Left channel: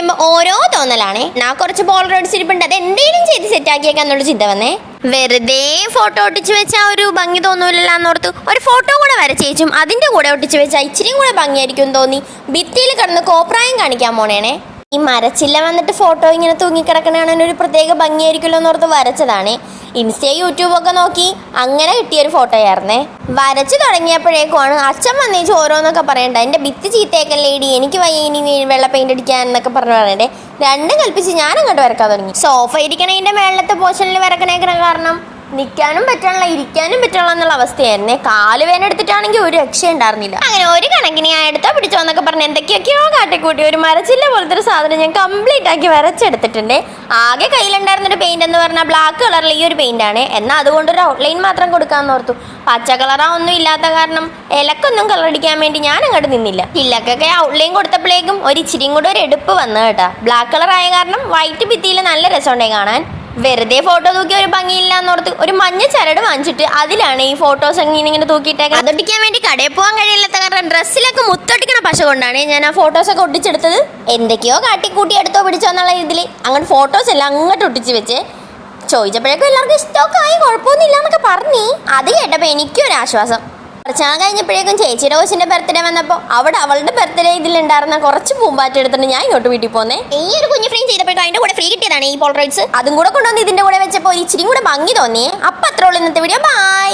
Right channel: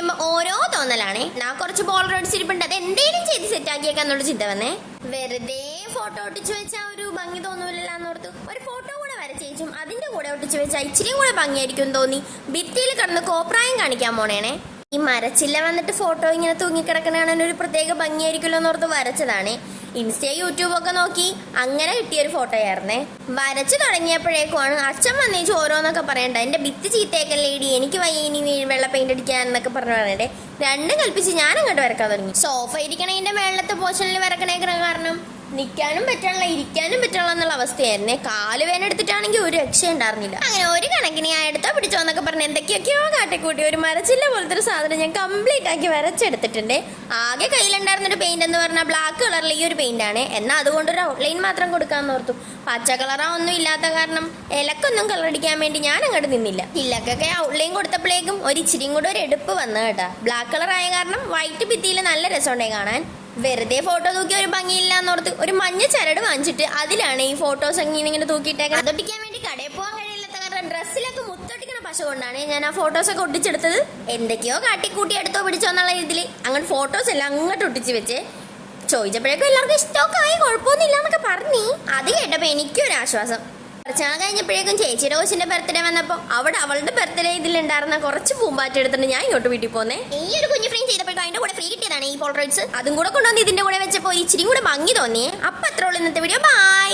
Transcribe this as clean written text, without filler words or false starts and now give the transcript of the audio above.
ഇരിക്കുമ്പോ ഓരോ തോന്നലാണ്. ഞാൻ കുറച്ച് പോളറോയിഡ്സ് ഇരിപ്പുണ്ട്, അത് എന്തെങ്കിലും ചെയ്ത് സെറ്റ് ആക്കിയേക്കാന്നുള്ള ചിന്ത വന്നേ. വെറുതെ ഫോട്ടോ ഒട്ടിച്ച് വെച്ചാൽ ഒരു ഭംഗി തോന്നൂലല്ലോ എന്നോർത്ത് ഒരു ഫോട്ടോ കൂടെ വരച്ചേച്ചും അതിന്റെ കൂടെ ഒട്ടിച്ച് വെച്ചാൽ ഇച്ചിരിയും കൂടെ ഭംഗിയായിരിക്കും തോന്നി ഭിത്തിയിൽ കിടന്ന് കോപ്രായം കാണിക്കാൻ പോണേണേ. ഈ മരച്ചില്ല വന്നിട്ട് ഫോട്ടോ ഇങ്ങനെ തൂങ്ങിക്കിടക്കണ ഒരു പ്രത്യേക ഭംഗിയായിരിക്കുമല്ലോ എന്നോർത്ത് വരച്ചതാണ്. ഇൻസ്റ്റ യൂട്യൂബൊക്കെ നോക്കി അങ്ങനെ കിട്ടിയൊരു ഫോട്ടോ ആയിരുന്നേ. വരച്ചു തുടങ്ങിയപ്പോഴേക്കുമാണ് അച്ഛൻ വന്നേച്ച് ഓരോന്നൊക്കെ പറയണ്ട, എൻ്റെ ഭിത്തി ചീത്തയൊക്കെ ലേഡി, എനിക്ക് വയ്യ ഇനി വെള്ള പെയിന്റ് അടിക്കാൻ എന്നൊക്കെ പറഞ്ഞു പറയണ്ടേ. രണ്ടും കൽപ്പിച്ച് ഞാൻ അങ്ങോട്ട് വരക്കാൻ തുടങ്ങി. സോഫ ഇരിക്കണതിൻ്റെ മേളത്തെ പോർഷനിൽ വരക്കണേക്കണ കാരണം നിൽക്കാനും പറ്റണല്ല ഇരിക്കാനും പറ്റണല്ലോ എന്നുള്ള അവസ്ഥയായിരുന്നേ. കാല് വേന എടുത്തിട്ടാണെങ്കിൽ ഒരു രക്ഷ ഉണ്ടായിരുന്നില്ല. അങ്ങനെ ഒരു കണക്കിന് ഞാൻ എടുത്തോ പിടിച്ചോ എന്നൊക്കെ പറഞ്ഞ് എന്തൊക്കെയൊക്കെയോ കാട്ടിക്കൂട്ടി ഒരു മരച്ചില്ല പോലത്തെ ഒരു സാധനം ഞാൻ കംപ്ലീറ്റ് ആക്കി വരച്ചെടുത്തിട്ടുണ്ട്. ആകെ കയ്യിലുണ്ടായിരുന്നൊരു പെയിന്റ് എന്ന് പറഞ്ഞാൽ ബ്ലാക്ക് കളറിൽ ഈ ഒരു പെയിന്റ് ആണ്. എന്നാൽ അതുകൊണ്ടൊരു ഔട്ട്ലൈൻ മാത്രം കൊടുക്കാമെന്ന് ഓർത്തു. പച്ച കളറാ ഒന്നും ഇല്ലാത്ത കാരണം ഇലക്കൊന്നും കളർ അടിക്കാൻ വേണ്ടി ഞാൻ അങ്ങോട്ട് നിന്നില്ല. ഇലക്കൊക്കെ ഔട്ട്ലൈൻ കൊടുത്തപ്പോഴേക്കും ഒരു ഇച്ചിരിയും കൂടെ ഒരു എടുപ്പ് വന്നു കേട്ടാ. ബ്ലാക്ക് കളർ ആയ കാരണം വൈറ്റ് ഭിത്തിയിൽ നല്ല രസമുണ്ടായി കാണാൻ. വെറുതെ ഫോട്ടോ തൂക്കി ഒരു ഭംഗിയില്ല എന്നോർത്ത് ഒരു മഞ്ഞ ചരട് വാങ്ങിച്ചിട്ട് അതിലാണ് ഈ ഫോട്ടോസ് ഇങ്ങനെ തൂക്കിയിട്ടേക്ക്. അതൊട്ടിക്കാൻ വേണ്ടി കടയിൽ പോകാൻ കഴിയില്ലാത്ത കാരണം ഡ്രസ്സിലൊക്കെ മുത്തൊട്ടിക്കണ പശ കൊണ്ടാണ് ഞാൻ ആ ഫോട്ടോസൊക്കെ ഒട്ടിച്ചെടുത്തത്. എന്തൊക്കെയോ കാട്ടിക്കൂട്ടി എടുത്തോ പിടിച്ചോ എന്നുള്ള ഇതിൽ അങ്ങനെ ഫോട്ടോസ് എല്ലാം അങ്ങോട്ട് ഒട്ടിച്ച് വെച്ച് ചോദിച്ചപ്പോഴേക്കും എല്ലാവർക്കും ഇഷ്ടമൊക്കെ ആയി, കുഴപ്പമൊന്നുമില്ല എന്നൊക്കെ പറഞ്ഞ്. അത് കേട്ടപ്പോൾ എനിക്കൊരാശ്വാസം. കുറച്ച് നാൾ കഴിഞ്ഞപ്പോഴേക്കും ചേച്ചിയുടെ കൊച്ചിൻ്റെ ബർത്ത്ഡേ വന്നപ്പോൾ അവിടെ അവളുടെ ബർത്ത്ഡേ ഇതിലുണ്ടായിരുന്ന കുറച്ച് പൂമ്പാറ്റ എടുത്തിട്ട് ഞാൻ ഇങ്ങോട്ട് വീട്ടിൽ പോന്നേ. ഈ ഒരു കുഞ്ഞു ഫ്രെയിം ചെയ്തപ്പോഴേക്കും അതിൻ്റെ കൂടെ ഫ്രീ കിട്ടിയതാണ് ഈ പോളറോയിഡ്സ്. അതും കൂടെ കൊണ്ടുവന്ന് ഇതിൻ്റെ കൂടെ വെച്ചപ്പോൾ ഇച്ചിരി കൂടെ ഭംഗി തോന്നി. അപ്പം അത്രേ ഉള്ളൂ ഇന്നത്തെ വീഡിയോ. ബൈ.